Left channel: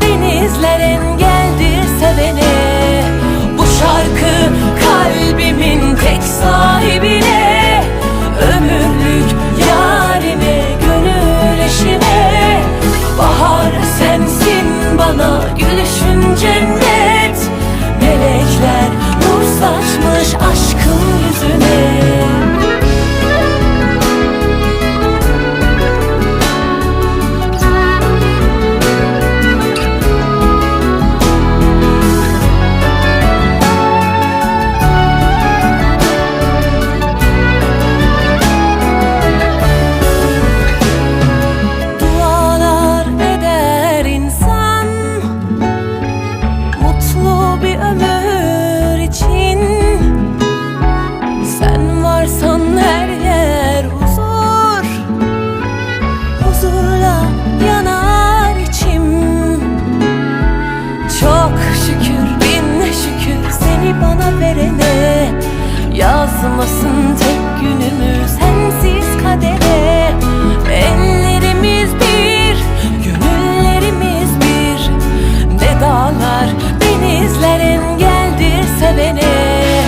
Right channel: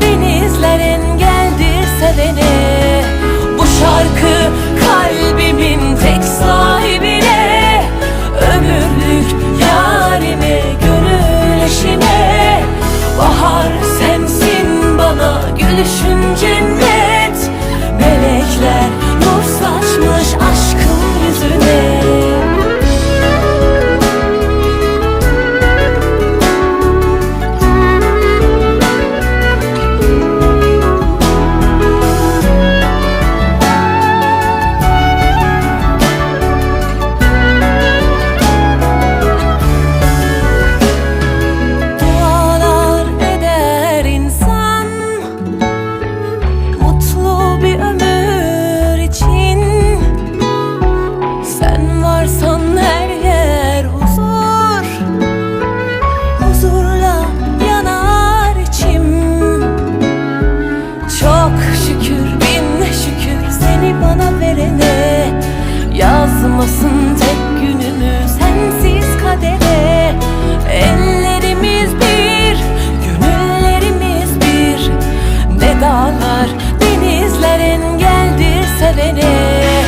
denizler engeldir sevene. Bu şarkı kalbimin tek sahibine. Ömürlük yarime, gönül eşime. Bahar sensin bana gülüşün cennet. Melekler şükür bin şükür seni bana verene. Yazmasın tek günümü sensiz kadere. Ellerimiz bir, gönüllerimiz bir. Ne dağlar, denizler engeldir sevene.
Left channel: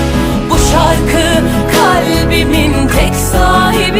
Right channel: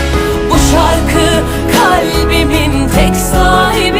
Bu şarkı kalbimin tek sahibine